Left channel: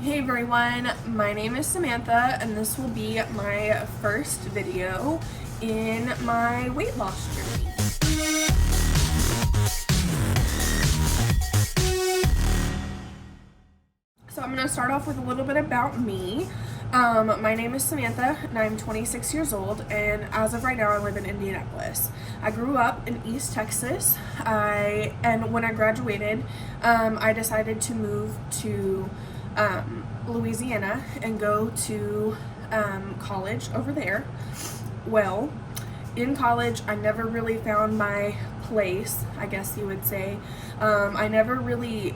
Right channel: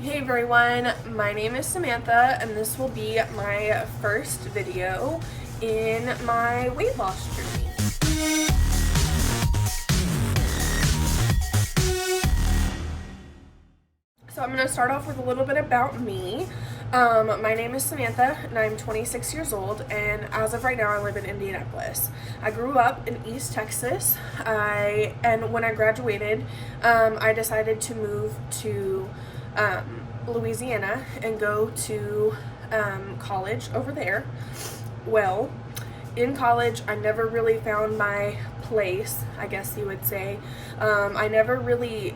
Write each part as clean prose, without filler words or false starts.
Hey everyone, my name is Samantha and this will be my first video in my weight loss journey. So I'm going to start off with a little bit about me. My name is Samantha and I'm 26 years old, and as of right now I live in Indianapolis. I grew up in East Texas, and when I graduated I decided to move to Louisiana and go to college over there. Well, in college I never really found my place, I guess you would say. I never really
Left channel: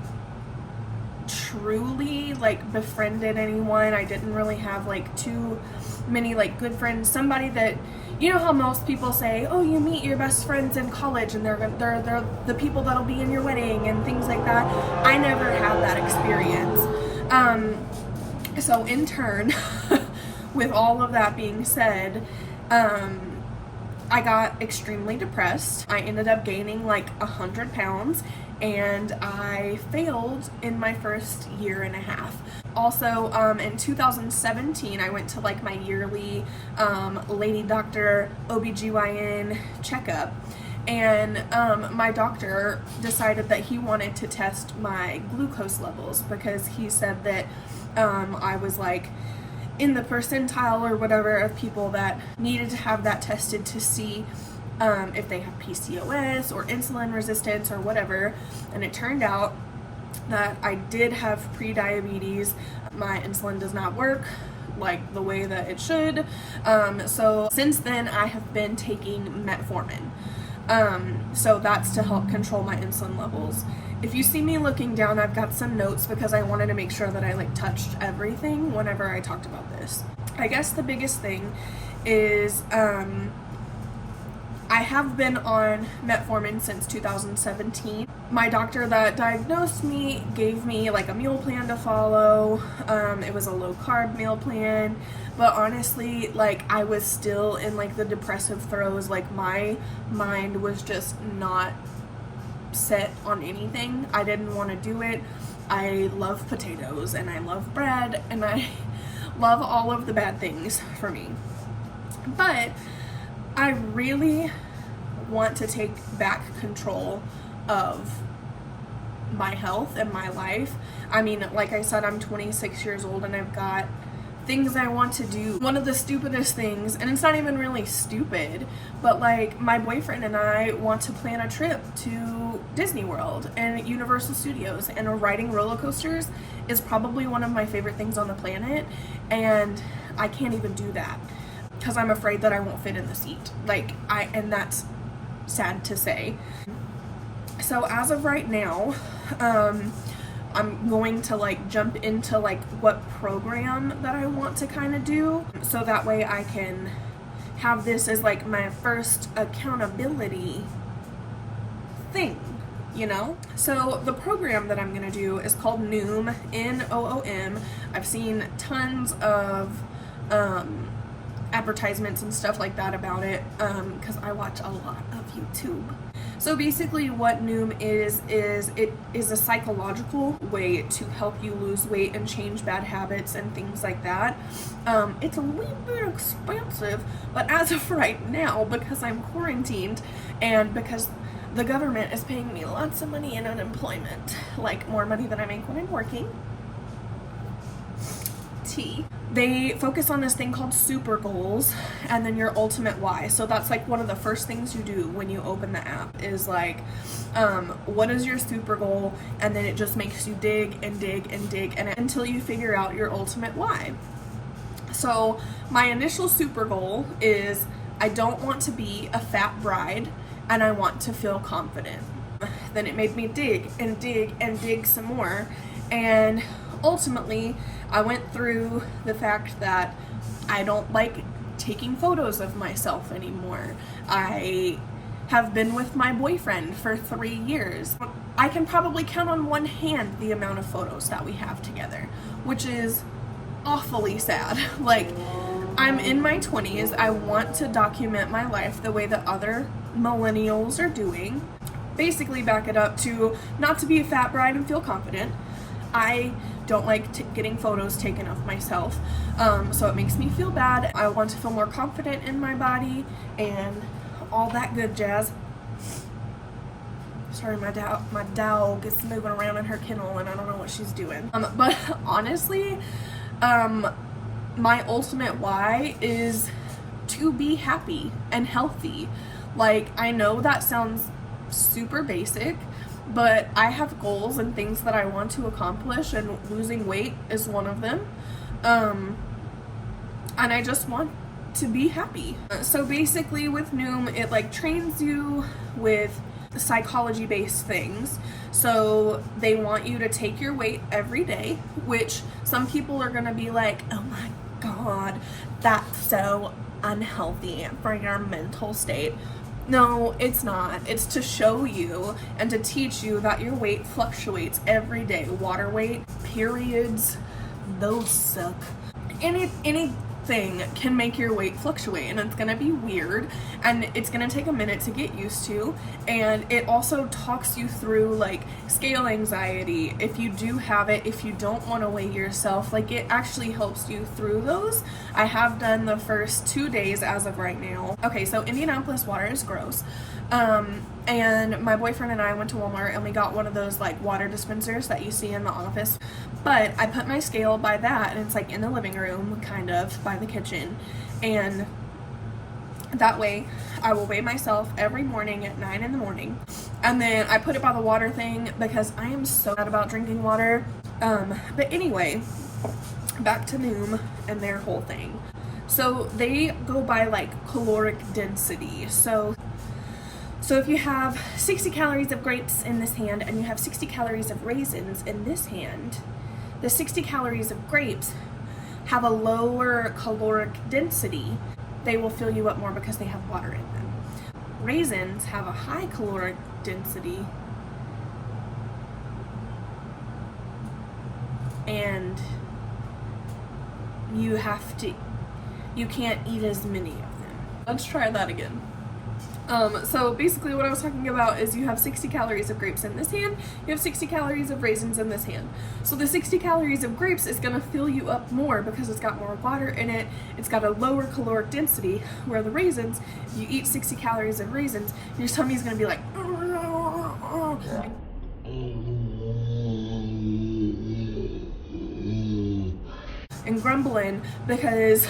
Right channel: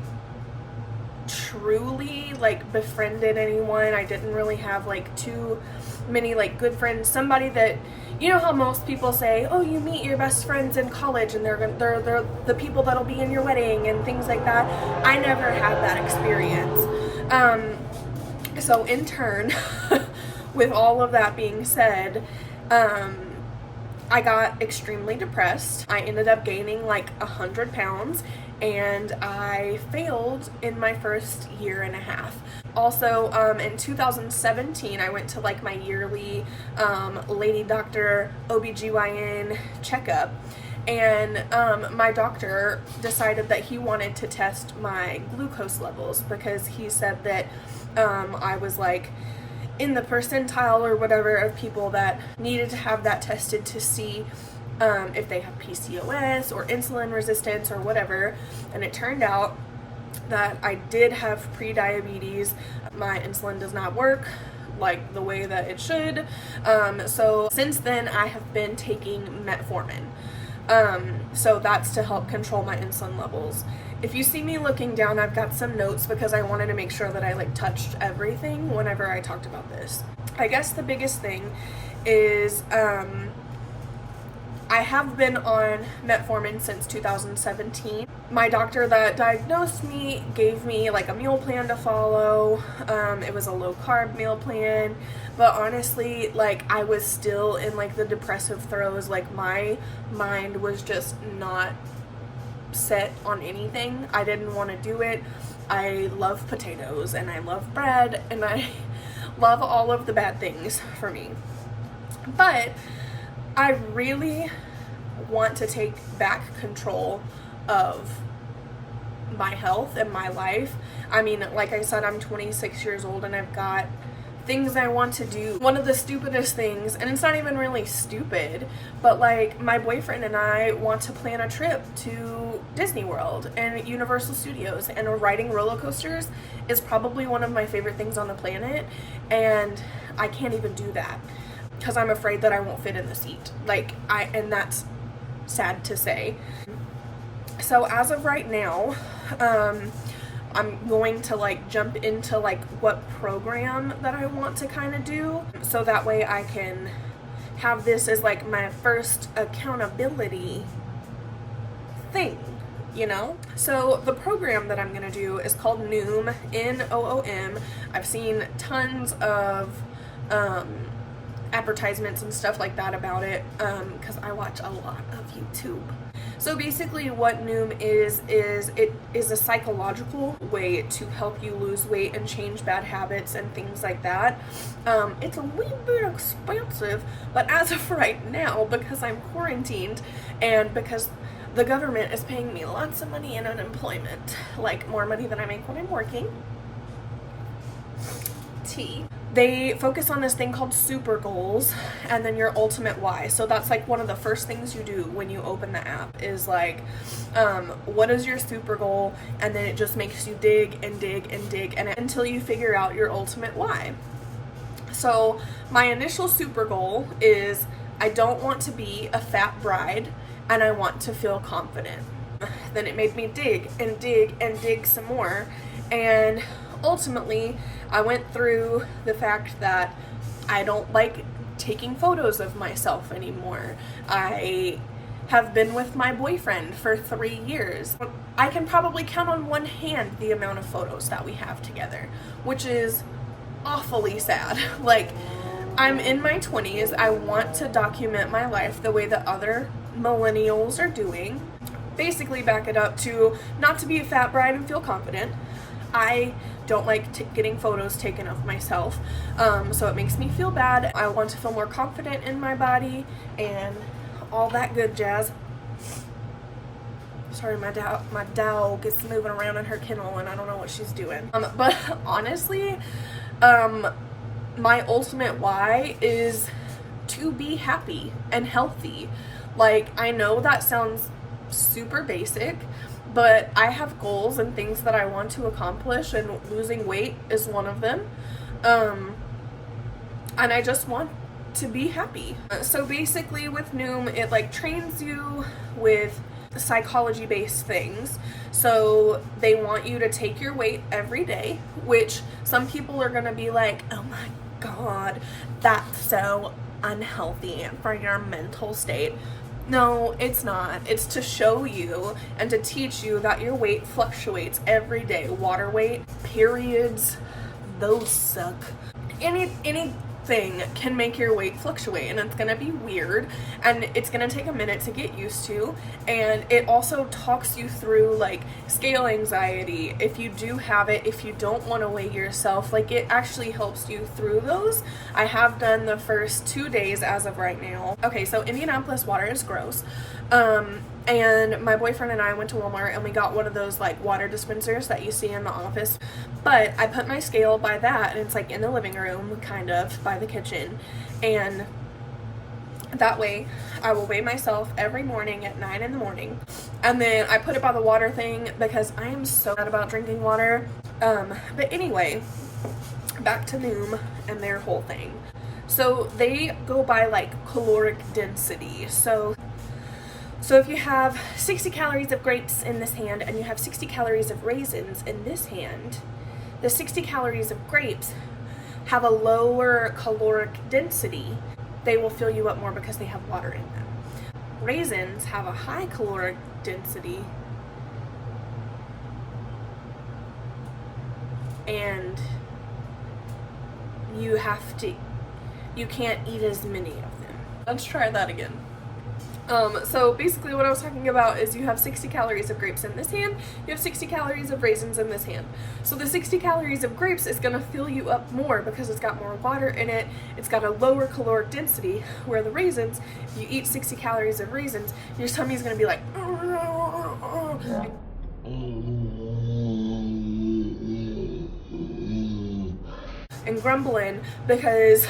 truly befriended anyone. I didn't really have too many good friends. Somebody that, you know how most people say, oh, you meet your best friends in college and they're the people that'll be in your wedding and things like that. I never had that experience. So in turn, with all of that being said, I got extremely depressed. I ended up gaining 100 pounds and I failed in my first year and a half. Also, in 2017, I went to my yearly lady doctor OBGYN checkup, and my doctor decided that he wanted to test my glucose levels because he said that I was in the percentile or whatever of people that needed to have that tested to see if they have PCOS or insulin resistance or whatever. And it turned out that I did have pre-diabetes. My insulin does not work the way that it should. So since then I have been taking metformin. So that's to help control my insulin levels. If you see me looking down, I've got some notes because I wanted to make sure that I touched everything whenever I talked about this. I guess the biggest thing is I have been on metformin since 2017. My doctor that diagnosed me gave me a meal plan to follow. It was a low carb meal plan, but honestly, I was still in the depressive throes. My mind was just not set on anything. I didn't want to do it. I love potatoes and I love bread and I love all of the bad things for me. But I really want to take back control of my health and my life. I mean, like I said, I'm 26 years old and I've got things I want to do. One of the stupidest things, and it's not even really stupid, but my boyfriend and I want to plan a trip to Disney World and Universal Studios, and riding roller coasters is probably one of my favorite things on the planet, and I can't even do that because I'm afraid that I won't fit in the seat. And that's sad to say. So as of right now, I'm going to jump into what program that I want to kind of do, so that way I can have this as my first accountability thing, you know? So the program that I'm gonna do is called Noom, N-O-O-M. I've seen tons of advertisements and stuff like that about it because I watch a lot of YouTube. So basically what Noom is it is a psychological way to help you lose weight and change bad habits and things like that. It's a little bit expensive, but as of right now, because I'm quarantined and because the government is paying me lots of money in unemployment, more money than I make when I'm working, they focus on this thing called super goals and then your ultimate why. So that's one of the first things you do when you open the app is what is your super goal, and then it just makes you dig and dig and dig and until you figure out your ultimate why. So my initial super goal is I don't want to be a fat bride and I want to feel confident. Then it made me dig and dig and dig some more, and ultimately I went through the fact that I don't like taking photos of myself anymore. I have been with my boyfriend for 3 years. I can probably count on one hand the amount of photos that we have together, which is awfully sad. I'm in my 20s. I want to document my life the way that other millennials are doing. Basically back it up to not to be a fat bride and feel confident. I don't like getting photos taken of myself, so it makes me feel bad. I want to feel more confident in my body and all that good jazz. Sorry, my dog is moving around in her kennel and I don't know what she's doing. But honestly, my ultimate why is to be happy and healthy. Like, I know that sounds super basic, but I have goals and things that I want to accomplish, and losing weight is one of them. And I just want to be happy. So basically with Noom, it like trains you with psychology-based things. So they want you to take your weight every day, which some people are gonna be like, oh my god, that's so unhealthy for your mental state. No, it's not. It's to show you and to teach you that your weight fluctuates every day. Water weight, periods, those suck. Anything can make your weight fluctuate, and it's gonna be weird, and it's gonna take a minute to get used to. And it also talks you through like scale anxiety, if you do have it, if you don't want to weigh yourself. Like, it actually helps you through those. I have done the first 2 days as of right now. Okay, so Indianapolis water is gross. And my boyfriend and I went to Walmart and we got one of those like water dispensers that you see in the office. But I put my scale by that, and it's like in the living room, kind of by the kitchen. And that way I will weigh myself every morning at 9 in the morning. And then I put it by the water thing because I am so bad about drinking water. But anyway, back to Noom and their whole thing. So they go by like caloric density. So if you have 60 calories of grapes in this hand and you have 60 calories of raisins in this hand, the 60 calories of grapes have a lower caloric density. They will fill you up more because they have water in them. Raisins have a high caloric density, and you can't eat as many of them. Let's try that again. So basically what I was talking about is you have 60 calories of grapes in this hand, you have 60 calories of raisins in this hand. So the 60 calories of grapes is gonna fill you up more because it's got more water in it, it's got a lower caloric density, where the raisins, if you eat 60 calories of raisins, your tummy's gonna be like, and grumbling because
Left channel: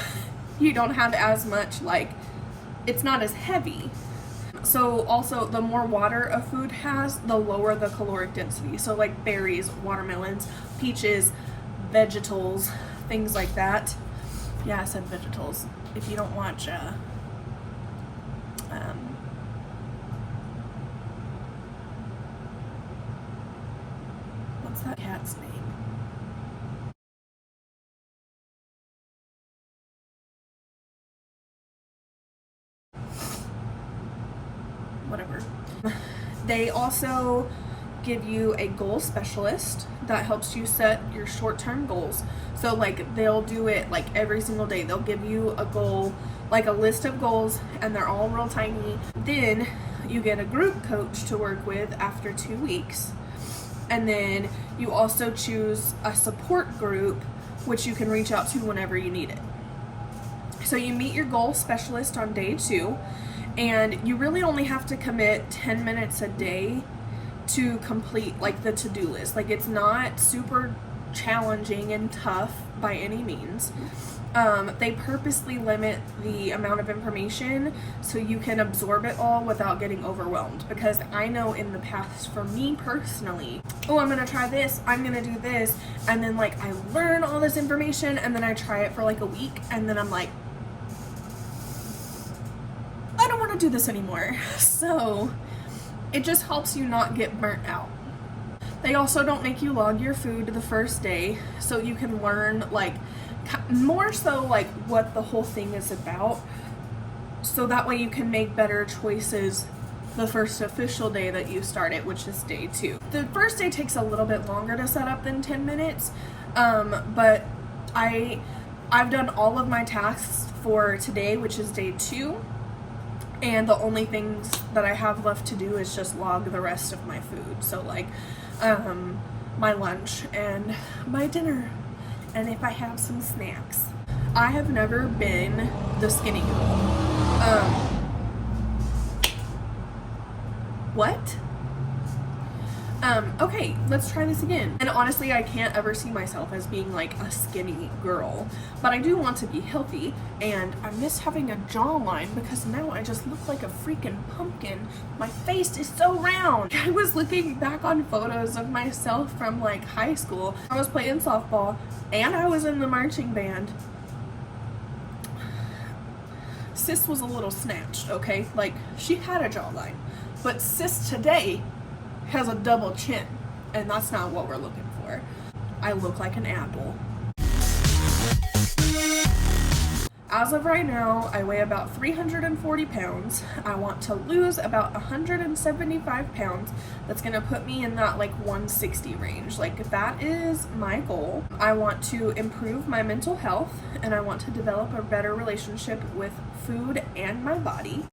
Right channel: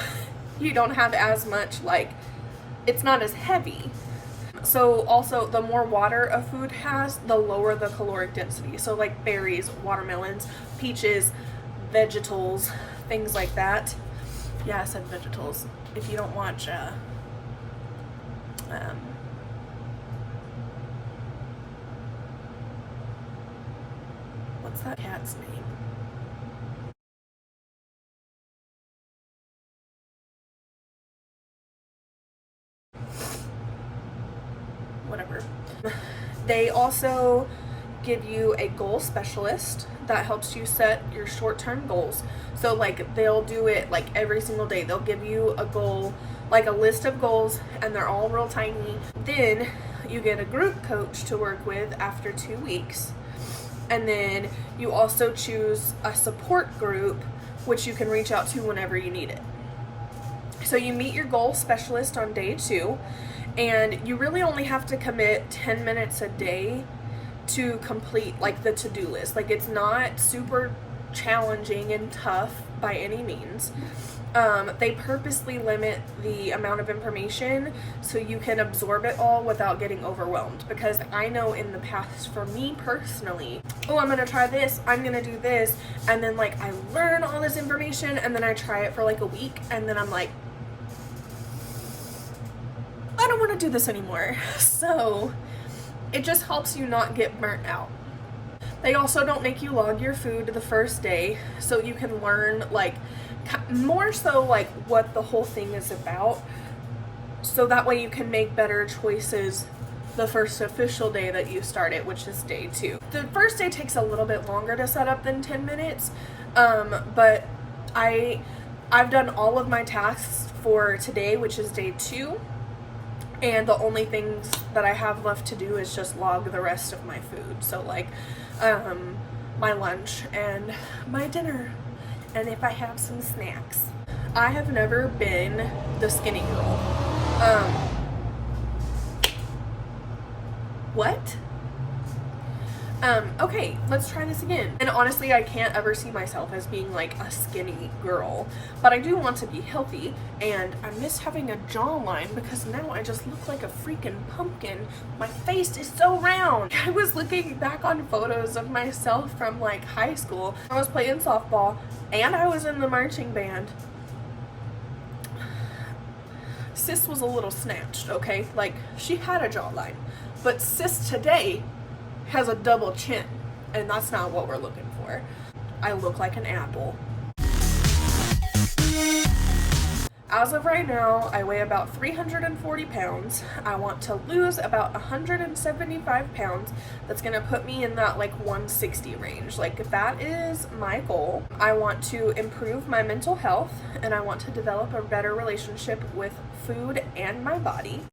you don't have as much, like, it's not as heavy. So also, the more water a food has, the lower the caloric density. So like berries, watermelons, peaches, vegetables, things like that. Yeah, I said vegetables. If you don't watch what's that cat's name? Whatever. They also give you a goal specialist that helps you set your short-term goals. So like, they'll do it like every single day. They'll give you a goal, like a list of goals, and they're all real tiny. Then you get a group coach to work with after 2 weeks. And then you also choose a support group, which you can reach out to whenever you need it. So you meet your goal specialist on day 2, and you really only have to commit 10 minutes a day to complete like the to-do list. Like, it's not super challenging and tough by any means. They purposely limit the amount of information so you can absorb it all without getting overwhelmed, because I know in the past, for me personally, oh, I'm gonna try this, I'm gonna do this, and then like I learn all this information and then I try it for like a week and then I'm like, I don't want to do this anymore. So it just helps you not get burnt out. They also don't make you log your food the first day, so you can learn like more so like what the whole thing is about, so that way you can make better choices the first official day that you start it, which is day 2. The first day takes a little bit longer to set up than 10 minutes, but I've done all of my tasks for today, which is day 2. And the only things that I have left to do is just log the rest of my food. So like, my lunch and my dinner, and if I have some snacks. I have never been the skinny girl. What? Okay, let's try this again. And honestly, I can't ever see myself as being like a skinny girl, but I do want to be healthy, and I miss having a jawline because now I just look like a freaking pumpkin. My face is so round. I was looking back on photos of myself from like high school. I was playing softball and I was in the marching band. Sis was a little snatched, okay? Like, she had a jawline, but sis today has a double chin, and that's not what we're looking for. I look like an apple. As of right now, I weigh about 340 pounds. I want to lose about 175 pounds. That's gonna put me in that like 160 range. Like, that is my goal. I want to improve my mental health, and I want to develop a better relationship with food and my body.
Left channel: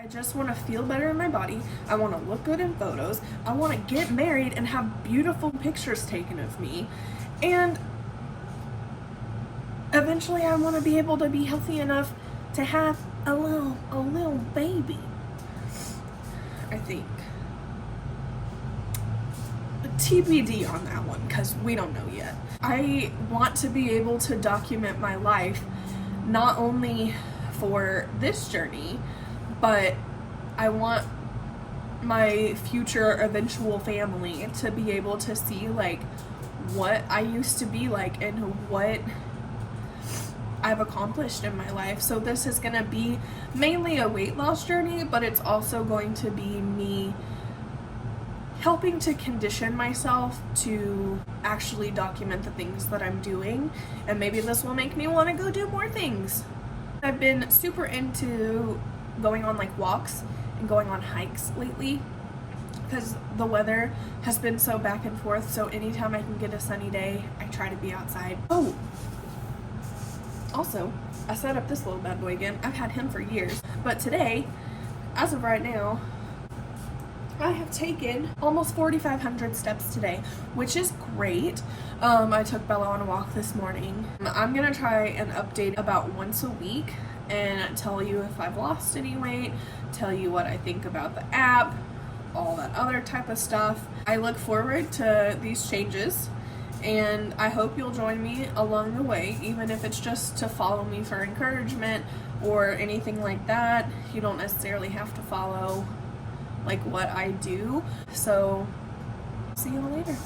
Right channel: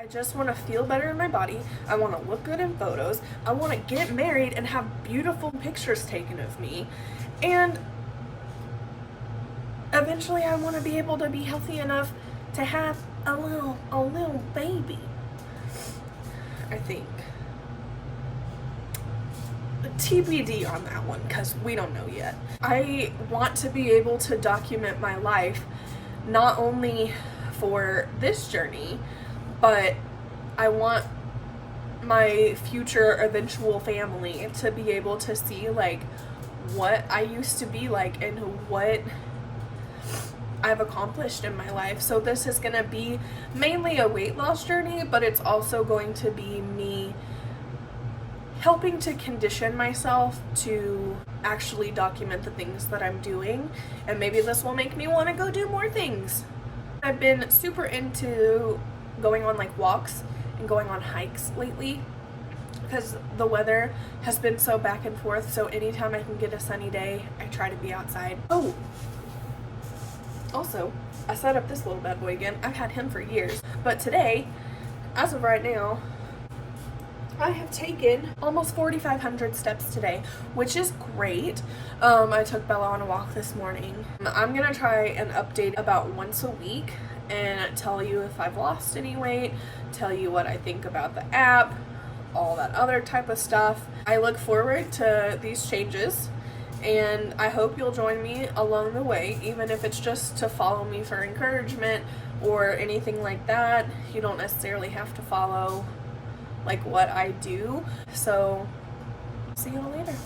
I just want to feel better in my body. I want to look good in photos. I want to get married and have beautiful pictures taken of me. And eventually I want to be able to be healthy enough to have a little baby. I think. TBD on that one, because we don't know yet. I want to be able to document my life, not only for this journey, but I want my future eventual family to be able to see like what I used to be like and what I've accomplished in my life. So this is gonna be mainly a weight loss journey, but it's also going to be me helping to condition myself to actually document the things that I'm doing, and maybe this will make me want to go do more things. I've been super into going on like walks and going on hikes lately because the weather has been so back and forth, so anytime I can get a sunny day, I try to be outside. Oh, also, I set up this little bad boy again. I've had him for years, but today, as of right now, I have taken almost 4,500 steps today, which is great. I took Bella on a walk this morning. I'm gonna try and update about once a week and tell you if I've lost any weight, tell you what I think about the app, all that other type of stuff. I look forward to these changes, and I hope you'll join me along the way, even if it's just to follow me for encouragement or anything like that. You don't necessarily have to follow like what I do. So see you all later.